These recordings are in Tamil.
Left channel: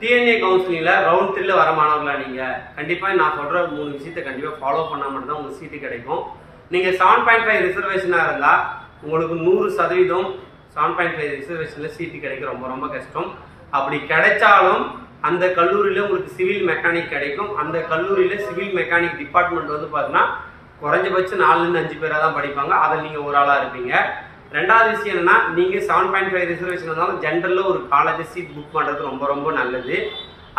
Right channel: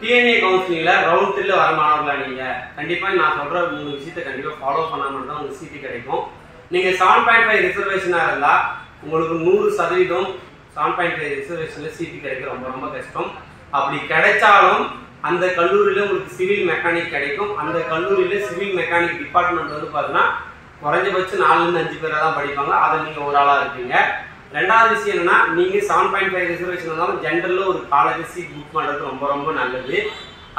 டிஎன்ஏ கவுன்சிலிங்ல ரவுண்ட் 3ல வர மாணவர்களா நீங்க கண்டிப்பா நான் சொல்ற 3 விஷயத்தை கண்டிப்பா ஃபாலோ பண்ணா மட்டும் தான் உங்களுக்கு சீட்டு கிடைக்கும். நீங்க 7.5 ரிசர்வேஷனா இருந்தா உங்களுக்கு 100% 7.5 ரிசர்வேஷன்ல சீட்டு கிடைக்க ரொம்ப ரொம்ப கஷ்டம். அப்படி கிடைச்சாலும் அந்த கல்லூரியில உங்களுக்கு சிவில் மெக்கானிக் கிடைக்கும். அந்த கல்லூரியில சிவில் மெக்கானிக் டிபார்ட்மெண்ட் வந்து பாத்தீங்கன்னா குறைஞ்சபட்சம் 4 ல இருந்து 5 பேரா தான் படிப்பாங்க. அதை நீங்க ஒரு ஆளா இருப்பீங்க. ரெண்டாவது விஷயம் என்னன்னா, நீங்க 7.5 ரிசர்வேஷன் இருந்தாலும் ஜென்ரல்ல ஒரு காலேஜ் சீட் புக் பண்றது ரொம்ப ரொம்ப நல்லது.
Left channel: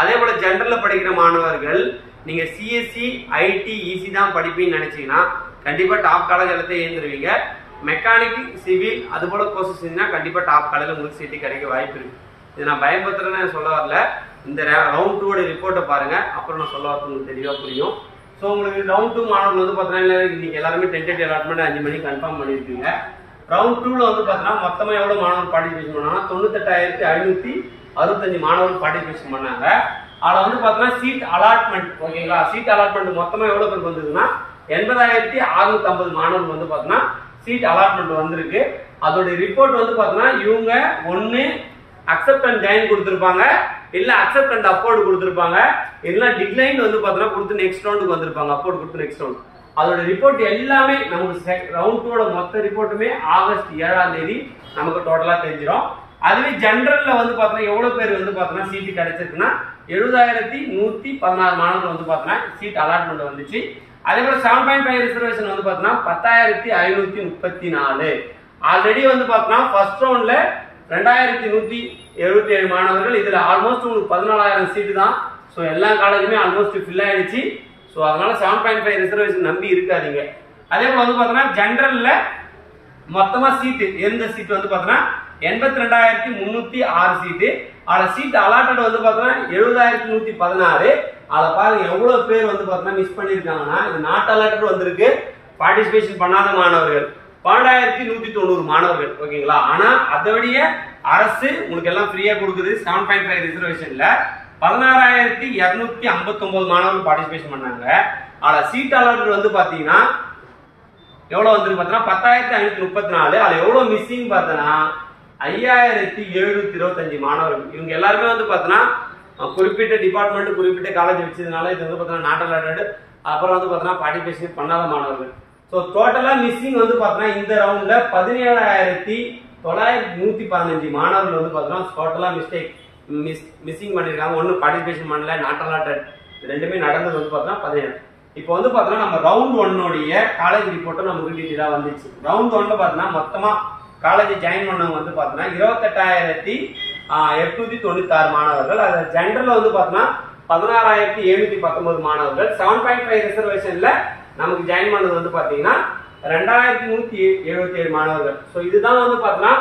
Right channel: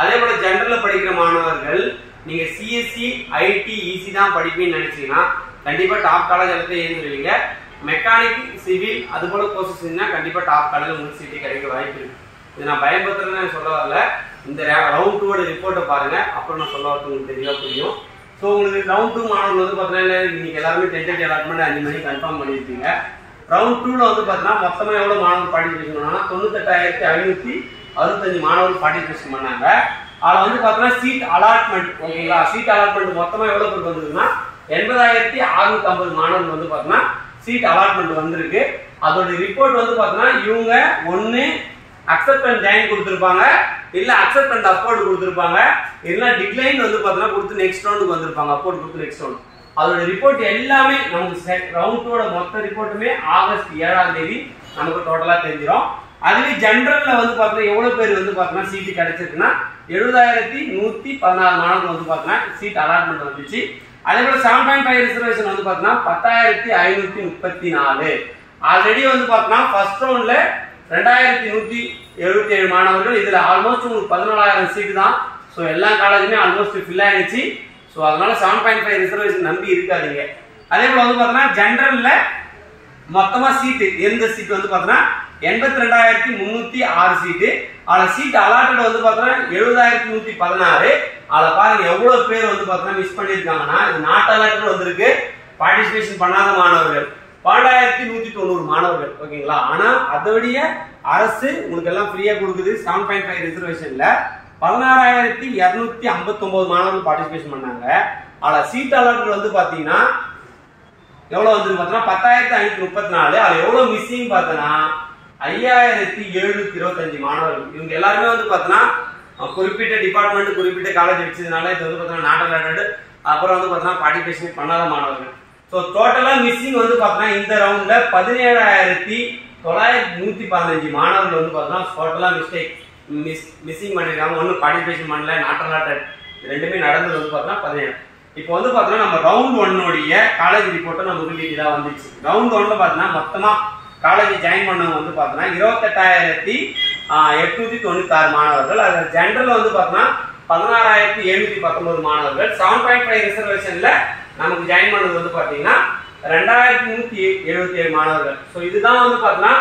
அதே போல ஜென்ரல்ல படிக்கிற மாணவர்கள் நீங்க சிஎஸ்சி ஐடி இசி தான் படிப்பீங்கன்னு நினைச்சீங்கன்னா கண்டிப்பா டாப் காலேஜ் எல்லாத்தையும் ஏந்துருவீங்க. மெக்கானிக் சிவில் அது போல கோர்சஸ் இருந்தா கண்டிப்பா டாப் காலேஜ்ல உங்களுக்கு சீட்டு கிடைக்க வாய்ப்பு இருக்கு. இது நான் பயன்படுத்துறேன்னு சொல்ல வரல. இந்த ரவுண்ட் 2 ரிப்போர்ட்டை பாருங்க, அப்புறம் நான் சொல்ல வரது உங்களுக்கு தெளிவா புரியும். ஸோ உங்களுக்கு ரவுண்ட் 2 மாணவர்கள் வந்து பார்த்தீங்கன்னா இன்னைக்கு எல்லாருமே டென்டேட்டிவ் அலாட்மெண்ட் 5 மணிக்கு கன்ஃபார்ம் பண்ணியிருப்பீங்க. ரவுண்ட் 2ல வந்து பார்த்தீங்கன்னா மொத்தமா எவ்வளவு மாணவர்கள் பார்ட்டிசிபேஷன் பண்ணாங்கன்னா 98,565 மாணவர்கள் பார்ட்டிசிபேஷன் பண்ணாங்க. அதில் வந்து பார்த்தீங்கன்னா சீட் அலாட்மெண்ட் ஓகேங்களா, சீட் அலாட்மெண்ட் மொத்தமா எவ்வளவு பேருக்கு வந்ததுன்னா 80,650 மாணவர்கள் வந்து பார்த்தீங்கன்னா சீட் அலாட்மெண்ட் வந்திருக்கு. அதோட ரிப்போர்ட் வந்து பார்த்தீங்கன்னா இவங்க ஒன்று அக்செப்ட் அண்ட் டைன் கொடுத்துருப்பாங்க, இல்ல அக்செப்ட் அண்ட் அப்போர்ட் கொடுத்துருப்பாங்க, இல்ல டிக்ளைன் வந்து பார்த்தீங்கன்னா கொடுத்து நெக்ஸ்ட் ரவுண்டுக்கு வந்திருப்பாங்க, அப்போர்ட் கொடுத்து நெக்ஸ்ட் ரவுண்ட். அதோட ரிப்போர்ட் எல்லாமே நமக்கு ரவுண்ட் 2 மொத்த ரிப்போர்ட்டுமே ஆகஸ்ட் 7ஆம் தேதி நமக்கு டோட்டலா தெரிஞ்சிடும். அதுவே ஜெனரல்ல வந்து பார்த்தீங்கன்னா எவ்வளவு பேர் வந்து பார்த்தீங்கன்னா சீட்டு கிடைச்சிருக்குன்னா 70,116 மாணவர்கள் வந்து பார்த்தீங்கன்னா சீட் அலாட்மெண்ட் வந்துச்சு. அதே போல 7.5 ரிசர்வேஷன் வந்து பார்த்தீங்கன்னா 10,534. ஆல்ரெடி வந்து பார்த்தீங்கன்னா ஃபர்ஸ்ட் ரவுண்ட்ல 2,177 மாணவர்கள், இதுல ஆல்மோஸ்ட் உங்களுக்கு 14,000 சீட்டு தான். ஸோ எல்லா காலேஜுமே ஆல்மோஸ்ட் ஃபில் ஆயிடுச்சு. ஸோ அதனால 7.5 ரிசர்வேஷன் நம்பி இருக்காதீங்க. அதே போல வந்து பார்த்தீங்கன்னா ஜெனரல்ல மொத்தமா சீட்டு எந்த சீட்டு வந்து பார்த்தீங்கன்னா 82,306 சீட்டு. அதில் சீட் அலாட்டட் வந்து பார்த்தீங்கன்னா 70,116. அதில் பாருங்க எவ்வளவு பேர் வந்து பார்த்தீங்கன்னா மிஸ் பண்ணியிருக்காங்கன்னா, இது நாட் அலாட்டட் வந்திருக்கு, பார்ட்டிசிபேஷன் பண்ணாத மாணவர்கள் 12,190 மாணவர்கள் ஓகேங்களா. ஆனா அதோடைய அரசு உங்களுக்கு எல்லாம் ஃப்ரீயா கொடுக்குது. 7.5 ரிசர்வேஷன்ல 16,259 மாணவர்கள் பார்ட்டிசிபேஷன் பண்ணாங்க. ஆனா சீட் அலாட் வந்து பாத்தீங்கன்னா எவ்வளவு வந்து பாத்தீங்கன்னா 10,534. அதுல எவ்வளவு மிஸ்ஸிங் பார்த்தனா 5,725 மாணவர்கள். இவங்க எல்லாருமே வந்து பாத்தீங்கன்னா குறிப்பிட்ட டிபார்ட்மெண்ட் குறிப்பிட்ட காலேஜ் வச்சதுனால இது வந்து பாத்தீங்கன்னா நாட் அலாட்டட், அப்புறம் வந்து பாத்தீங்கன்னா பார்ட்டிசிபேஷன் பண்ணாத மாணவர்கள். ஸோ டோட்டலா மிஸ்ஸிங் வந்து பாத்தீங்கன்னா இந்த ரவுண்ட்ல 17,915 மாணவர்கள் வந்து பாத்தீங்கன்னா டோட்டலா மிஸ்ஸிங் பண்ணிருக்காங்க. ஒன்னும் பார்ட்டிசிபேஷன் பண்ணல, நாட் அலாட்டட், ரெண்டுமே நடந்தது வந்து பாத்தீங்கன்னா 17. இப்போ வந்து பாத்தீங்கன்னா நம்ம ரவுண்ட் 1 காலேஜ் ரிப்போர்ட்டை நமக்கு டீட்டெயிலா வந்துச்சு. ரவுண்ட் 1ல பாத்தீங்கன்னா மொத்தமா காலேஜ் ஜாயின் பண்ணவங்க வந்து பாத்தீங்கன்னா 28,896 மாணவர்கள். அது ஜெனரல் வந்து பாத்தீங்கன்னா 16,719 மாணவர்கள். 7.5 ரிசர்வேஷன்ல நமக்கு ஜாயின் பண்ணது வந்து பாத்தீங்கன்னா 2,177 மாணவர்கள். ஸோ இதுதான் வந்து பாத்தீங்கன்னா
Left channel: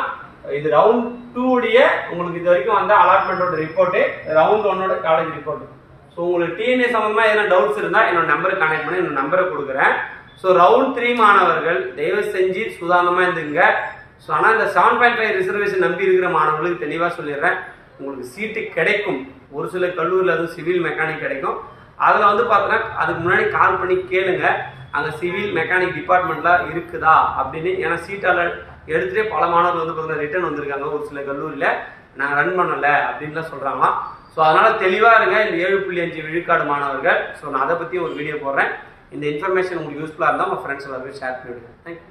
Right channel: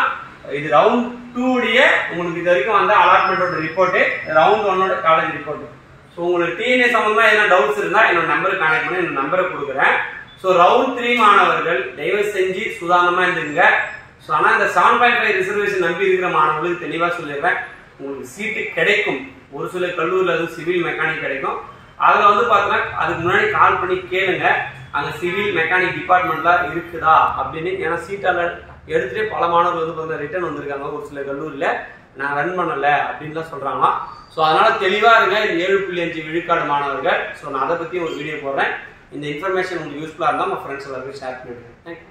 இது ரவுண்ட் 2 உங்களுக்கு இது வரைக்கும் வந்த அலாட்மெண்டோட report, round 1 college report. So உங்களுக்கு டிஎன்ஏ சம்பந்தமா எதனா டவுட்ஸ் இருந்தா என்னோட நம்பருக்கு கான்டாக்ட் பண்ணி என்னோட நம்பரை கொடுக்குறேன். ஸோ ரவுண்ட் 3 மாணவர்கள் தயவு செஞ்சு சுதாரணமா இருந்துங்க. ஸோ ஆனால் இந்த 7.5 ரிசர்வேஷன் நம்பி இருக்கிற மாணவர்களுக்கு தெளிவாக சொல்லிடுறேன், உங்களுக்கு சீட்டு கிடைக்கும். ஒரு சில கல்லூரியில் அது சிவில் மெக்கானிக் கிடைக்கும். அதில் வந்து பார்த்தீங்கன்னா அதுக்கு முன்னாடி கால் பண்ணி கேளுங்க அங்கே சிவில் மெக்கானிக் டிபார்ட்மெண்ட்லாம் இருக்குதா அப்படின்னு. ஏன்னா சீட்டால் எடுத்துகிட்டே பல மாணவர்கள் வந்து பார்த்தீங்கன்னா ரிட்டர்ன் வந்திருக்காங்க. ஒரு சில கல்லூரியில் நான் ரன் பண்ணலை அப்படின்லாம் சொல்கிறாங்களாம். ஸோ அதனால் தெளிவாக இருங்க. இந்த 7.5 விழுக்காடு மாணவர்கள். ஸோ நான் அதை பற்றி ஒரு வீடியோ போடுறேன். இந்த இன்ஃபர்மேஷன் உங்களுக்கு யூஸ்ஃபுல்லாக இருந்தால் உங்கள் ஃப்ரெண்ட்ஸ் எல்லாருக்கும் ஷேர் பண்ணிவிடுங்க. தேங்க்யூ.